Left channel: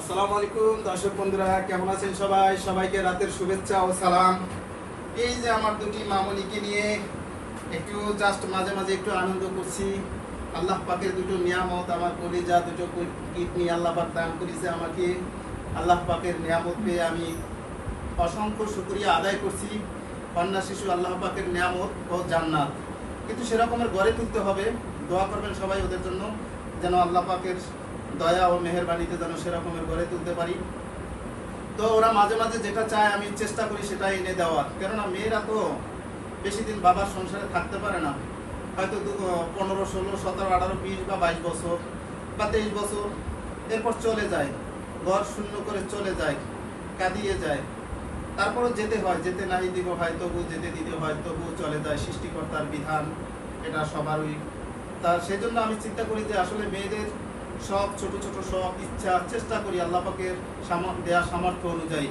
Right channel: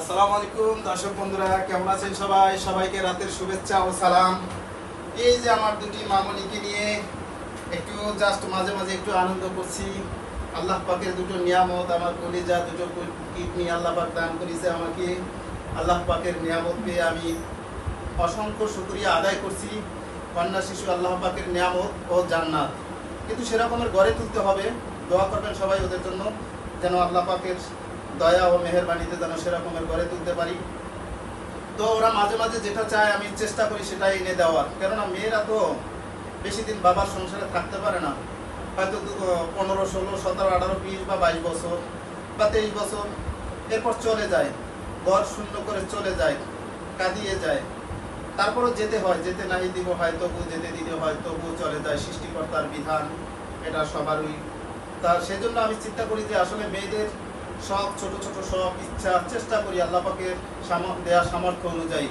আসসালামু আলাইকুম দর্শক বন্ধুরা, কেমন আছেন সবাই? সবাইকে রাতের শুভেচ্ছা ও সালাম। এই যে আমার দুটি মামনিকে নিয়ে একটু জাস্ট মাঝে মাঝে একটু আনন্দ করছি। আল্লাহ পাকের দুটো নিয়ামত, আমার কলিজা দুটো কিডনি আল্লাহ পাক দান করেছে আমাকে। আল্লাহ পাকের নিয়ামত পেয়ে আমি অসংখ্য শুকরিয়া আদায় করছি। কন্যা শিশু আল্লাহ পাকের নিয়ামত ও জান্নাত, কিন্তু সেরকমের গড়ে তুলতে হবে। দোয়া করবেন সবাই ওদের জন্য, যেন আল্লাহ পাকের দয়া ও মেহেরবানিতে যেন সেরকমের গড়ে তুলতে পারি। তো ওরা মাঝে মাঝে যেটা চায় আমি চেষ্টা করি সেটা এনে দেওয়ার, কেননা মেয়েরা তো বেশি দিন বাবার সংসারে থাকতে পারে না। হয়তো 15, 16, 17, 18, 20 বা 22 বছর বা 23 বছর, এরপর চলে যায়, ঘর শূন্য করে চলে যায়, কাঁদিয়ে যায়। তারপরও যেতে হয়, যেতে নাই দিব হয় তবু যেতে দিতে হয়, তবুও চলে যায়। সৃষ্টিকর্তার বিধান, এটা সবারই। তা সেজন্য আমি চিন্তা করি যে আসলে মেয়েদের সব ছোট ছোট সব ইচ্ছা চেষ্টা করি আল্লাহ পাকের দেয়া সামর্থ্য অনুযায়ী।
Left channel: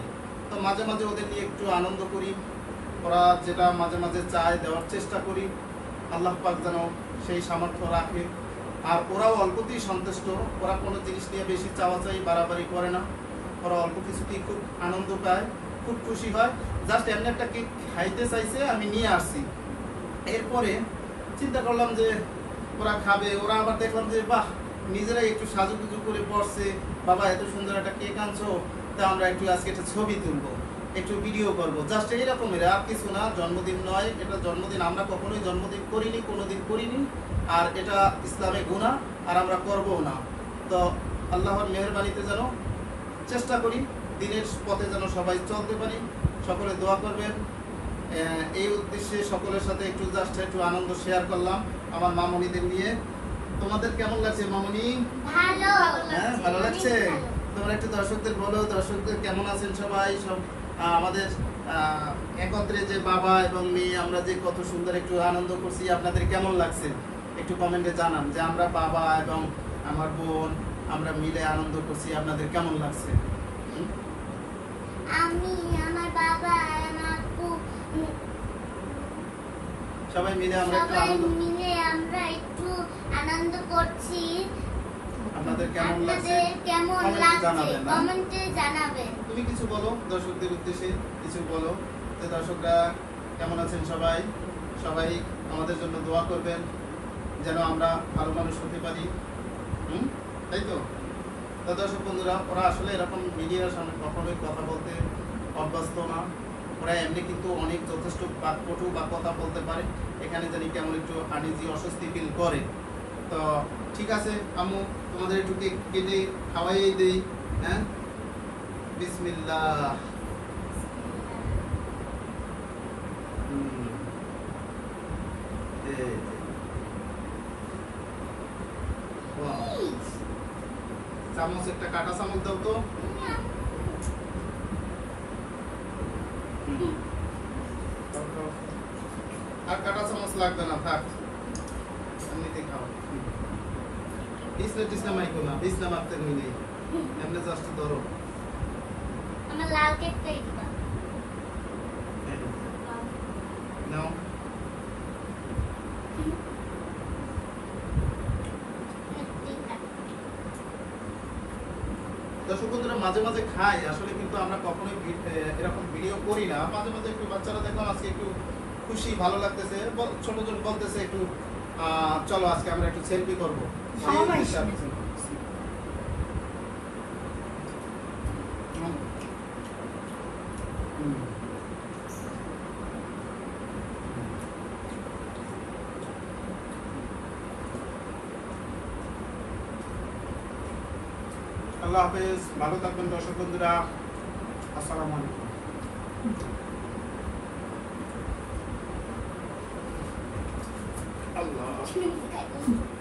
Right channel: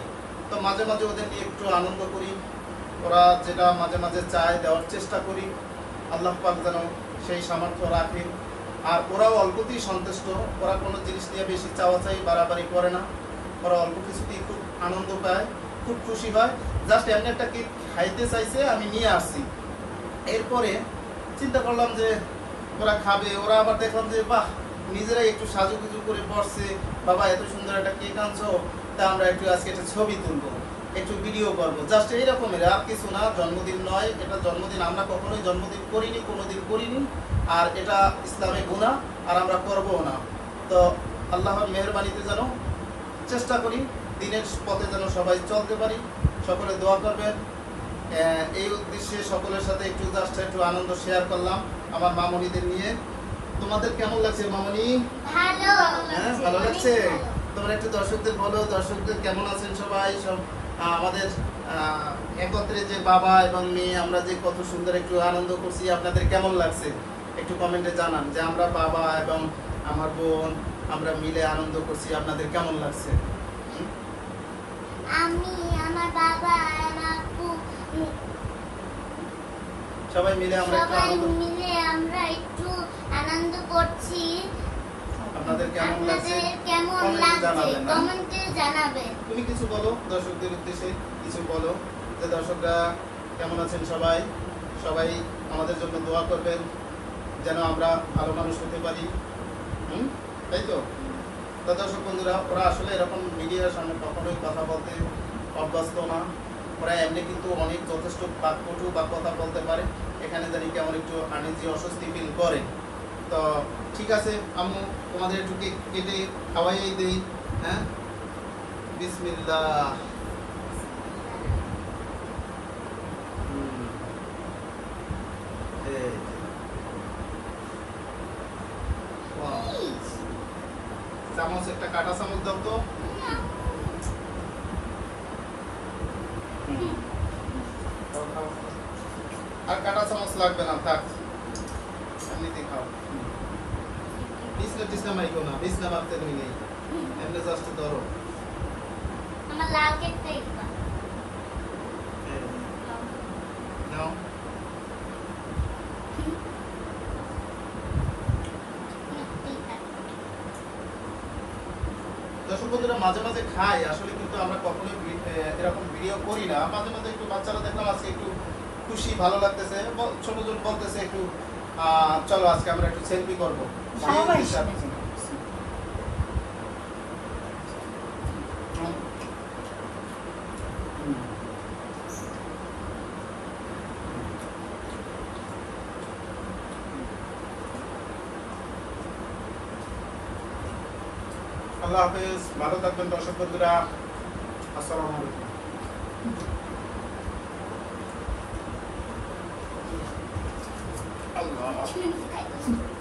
তো মাঝে মাঝে ওদের নিয়ে একটু আনন্দ করি। ওরা যেটা মাঝে মাঝে চায় দেওয়ার চেষ্টা করি, আল্লাহ পাক যেন সেই সামর্থ্য রাখে। আর ওরাও অল্পতেই সন্তুষ্ট, ওরা কোনো জিনিস নিয়ে বেশি চাওয়া চাই বাড়াবাড়ি করে না। ওরা অল্প কিছুতেই খুব আনন্দ পায়, খুব খুশি হয়। জাস্ট এমনি একটা কেক খাইতে চাইছে, আমি নিয়ে আসছি। এরপরে চিন্তা করলাম যে ওরা খাবে, ওরা আবার দেখলাম যে বাহ, নিজেরাই একটু সাজুগুজু করে বসছে। বাবা এত সুন্দর একটা কেক আনছো, তা আমরা একটু আজকে একটা ছবি তুলবো, একটু ভিডিও করবো, জাস্ট এইরকমের, আর কিছু না। জন্মদিন নয় এটা, জন্মদিন আমরা কখনোই জন্মদিন করিনি, কোনোদিন করিনি। আর এটা ইসলামে গুনাহ, আর আমরা করবো না। তো আল্লাহর মেহেরবানিতে যেন চেষ্টা করি দিনের পথে যেন সবাই চলতে পারি। সকলে দোয়া করবেন। এই উদ্দেশ্যে সকলের সাথে একটু জাস্ট একটু আনন্দ শেয়ার করলাম আমার মামনিদের নিয়ে। তোমাদের কেমন লাগছে মামনি? ভালো। হ্যাঁ, ভালো লাগছে। তোমরা একটু দর্শকদের বলো, দর্শকদের কেমন আছেন সবাই? সব আমাদের একত্রে যে বাবা এবং মেয়ে আমরা যে কত সুন্দর একটু আনন্দ করছি, আপনাদের কেমন লাগছে একটু কমেন্টে জানান। যে আমরা বাবা এবং আমার বোন আমরা মিলে আনন্দ করছি, আপনাদের কেমন লাগছে? আমি, আমার বাবা, আমার সবাই মিলে আমরা একটু আনন্দ করছি। আপনাদের কেমন লাগছে কমেন্টে জানাবেন। তুমি কিছু বলো দর্শকদের উদ্দেশ্যে, কিছু বলো যে দর্শকরা কেমন আছেন সবাই? সবাই আমাদের জন্য দোয়া করবেন যেন আমরা ভালো মানুষ হতে পারি। তাই তো? দর্শক বন্ধুরা, ওরা আসলে এরকম মিডিয়ার সামনে কখনোই কথা বলতে অভ্যস্ত না। ওরা এমনি কিন্তু অনেক যথেষ্ট বাকপটু বা কথা বলতে পারে। এখানে জানি কেমন একটু আনিজি অস্বস্তি ফিল করে। তো ঠিক আছে আম্মু, তোমাদের একটু কেক কেটে খাওয়াই দেই। হ্যাঁ, বিসমিল্লাহ। চামচ, একটা কাটা চামচ দাও তো। আর কাটা চামচ লাগবে না, থাক, এমনিতে খাও। বিছনা মাইকো না, বিছনা মারতে নেই, এমনি জাস্ট ধরো। আমার লাল কেকটা একবার নাও। দর্শক বন্ধুরা, মাঝে মাঝে খাই আসলে, কিন্তু আমরা কখনোই এরকম ভিডিও করি না। মাঝে মাঝে একটু বাচ্চারা দেখলাম আজকে একটু খুশি, ভালো লাগতেছে। ছোট জন বলতেছে একটু চলো আজকে আমরা একটু সেলফি করবো। আল্লাহ হাফেজ, ভালো থাকবেন দর্শক বন্ধুরা। আসসালামু আলাইকুম। আল্লাহ